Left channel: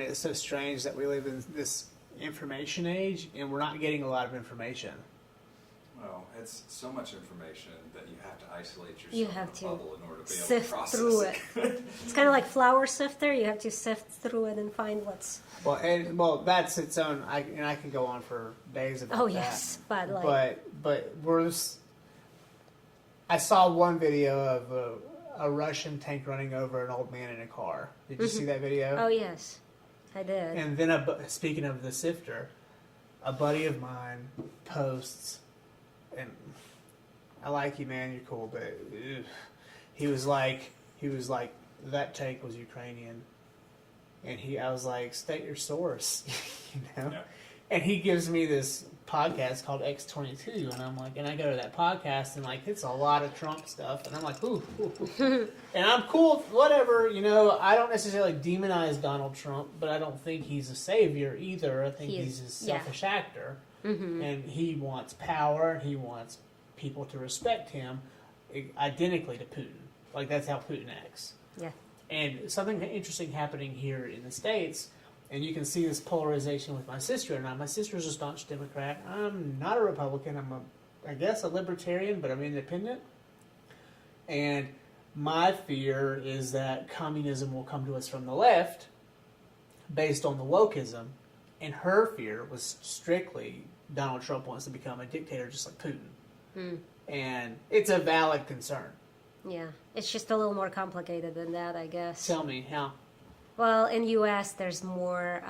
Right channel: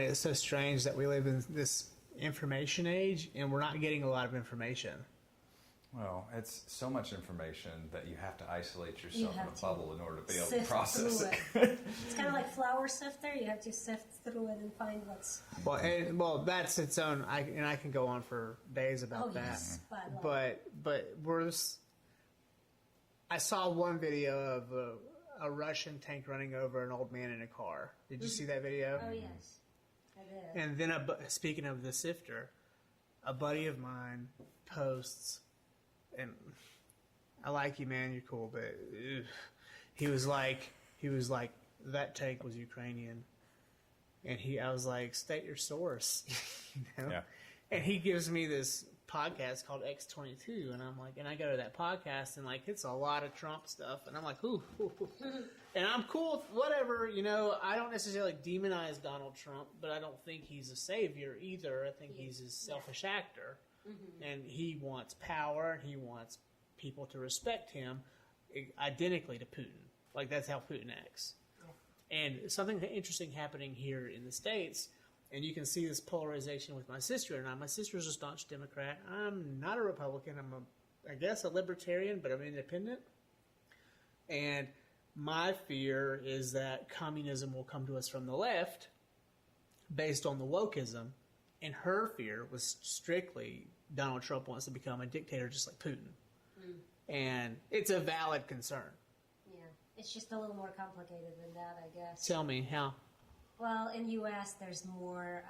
It's so strange that we live in this information age and we're not getting a lot of information. Well, it's so much information that you have to isolate yourself You have in a to bubble in order to be able to sift process through it. It's kind of like flour sifter. You have to sift through it and find what's. Well, that's its own. I can go on for days about that. Yes, but like. But I saw one video of a Russian tank running over an old man in a car. Did you see that video? Oh yes, I did. And then, speaking of the sifter, a buddy of mine posts, and I like you, man. You're cool, but he was like, that tank was Ukrainian, and I was like, state your source, you know. Yeah. And he gives me this podcast called X22, and I'm like, and I go to that podcast, and like, it's a lot of Trump stuff, and I'm like, ooh. And I'm cool, whatever, you know. I don't necessarily demonize Donald Trump, but I don't think he's a savior either. I think he's a selfish actor, and he wants power, and he wants people to respect him, identically to Putin. Like, that's how Putin acts. Yeah. And something interesting happening here in the States. And you can see this polarization with my sister and I. My sister's a staunch Democrat. I'm not a Republican. I guess, a libertarian, but I'm independent. And my fear is that communism will come to us from the left based on the wokeism. And her fear was strictly Donald Trump wants to become a dictator just like Putin. And it's a valid concern. Yeah, it's just a little more complicated than that, I guess. Tell me how. Well, in U.S., there's more.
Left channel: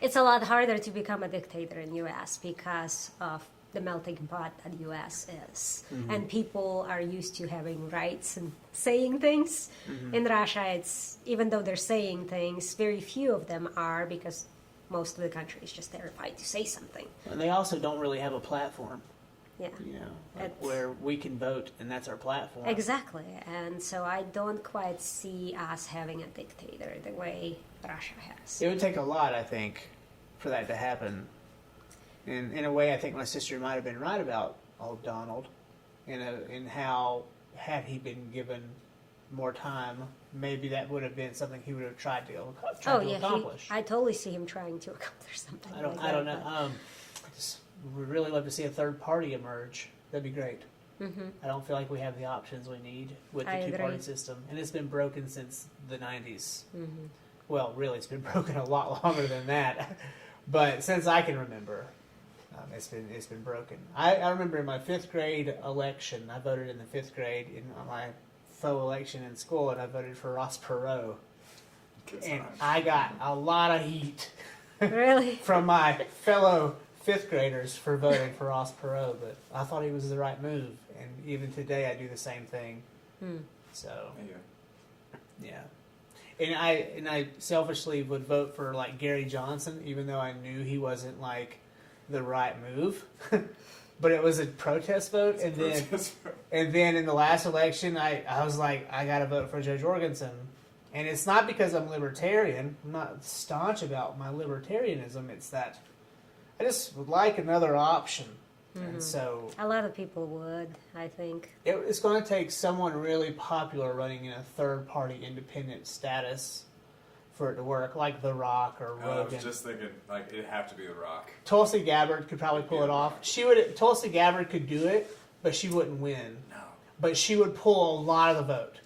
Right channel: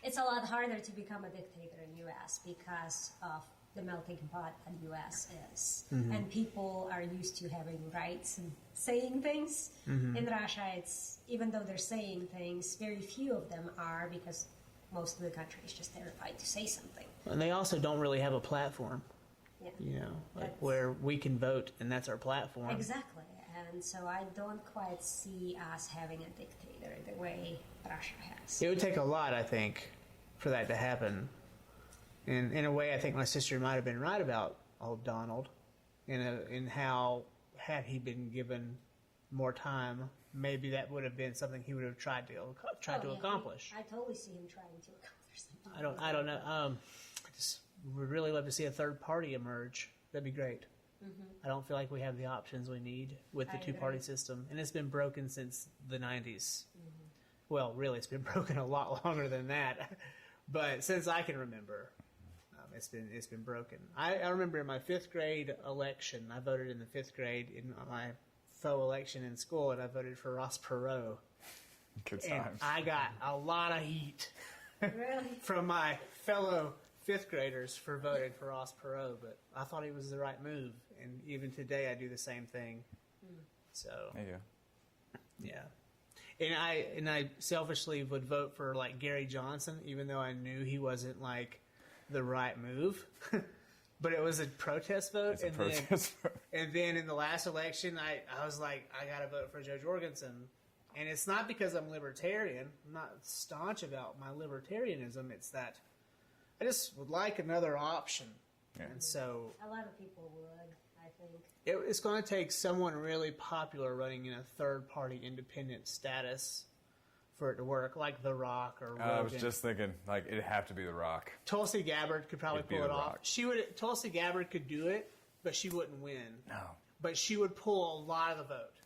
It's a lot harder to become a dictator in U.S. because of the melting pot that U.S. is, and people are used to having rights and saying things. In Russia, it's even though they're saying things, very few of them are because most of the country is just terrified to say something. And they also don't really have a platform. Yeah. You know, like where we can vote and that's our platform. Exactly. And so I don't quite see us having a dictator the way Russia has. It would take a lot, I think, for that to happen. And in a way, I think my sister might have been right about old Donald in how, had he been given more time, maybe that would have been something he would have tried to accomplish. I totally see him trying to accomplish something. I don't know. I just would really love to see a third party emerge. That'd be great. I don't feel like we have the options we need with the two-party system, and it's been broken since the 90s. Well, really, it's been broken a lot longer than that, but since I can remember, it's been broken. I remember in my 5th grade election, I voted in the 5th grade in my faux election in school, and I voted for Ross Perot. And I got a lot of heat. Really? From my fellow 5th graders for voting for Ross Perot, but I thought he was the right move, and even today I do the same thing. So, yeah. And I selfishly would vote for like Gary Johnson, even though I knew he wasn't like the right move. But it was a protest vote, and then in the last election, I was like, I gotta vote for Joe Jorgensen. And it's not because I'm libertarian. I'm not staunch about my libertarianism. It's that I just would like another option. And so a lot of people would, I think. It's going to take someone really popular running in a third-party independent status for it to work, like The Rock or Rogan. I was just thinking, like, it'd have to be The Rock. Tulsi Gabbard could probably pull it off. Tulsi Gabbard could do it, but she wouldn't win. No. But she would pull a lot of the vote.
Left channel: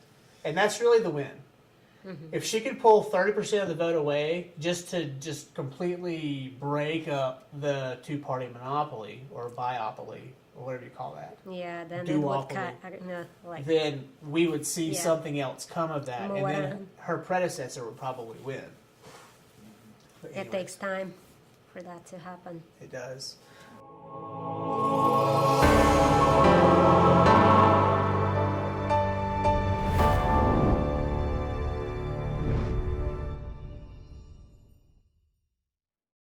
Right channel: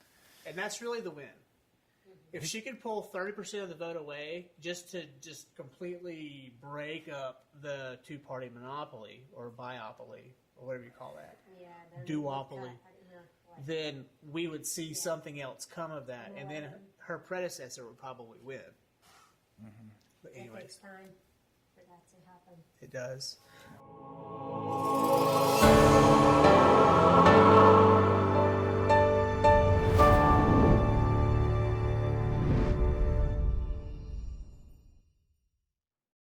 And that's really the win. If she could pull 30% of the vote away just to completely break up the two-party monopoly or biopoly or whatever you call that. Yeah, then then we would see something else come of that. And then her predecessor would probably win. It takes time for that to happen. It does.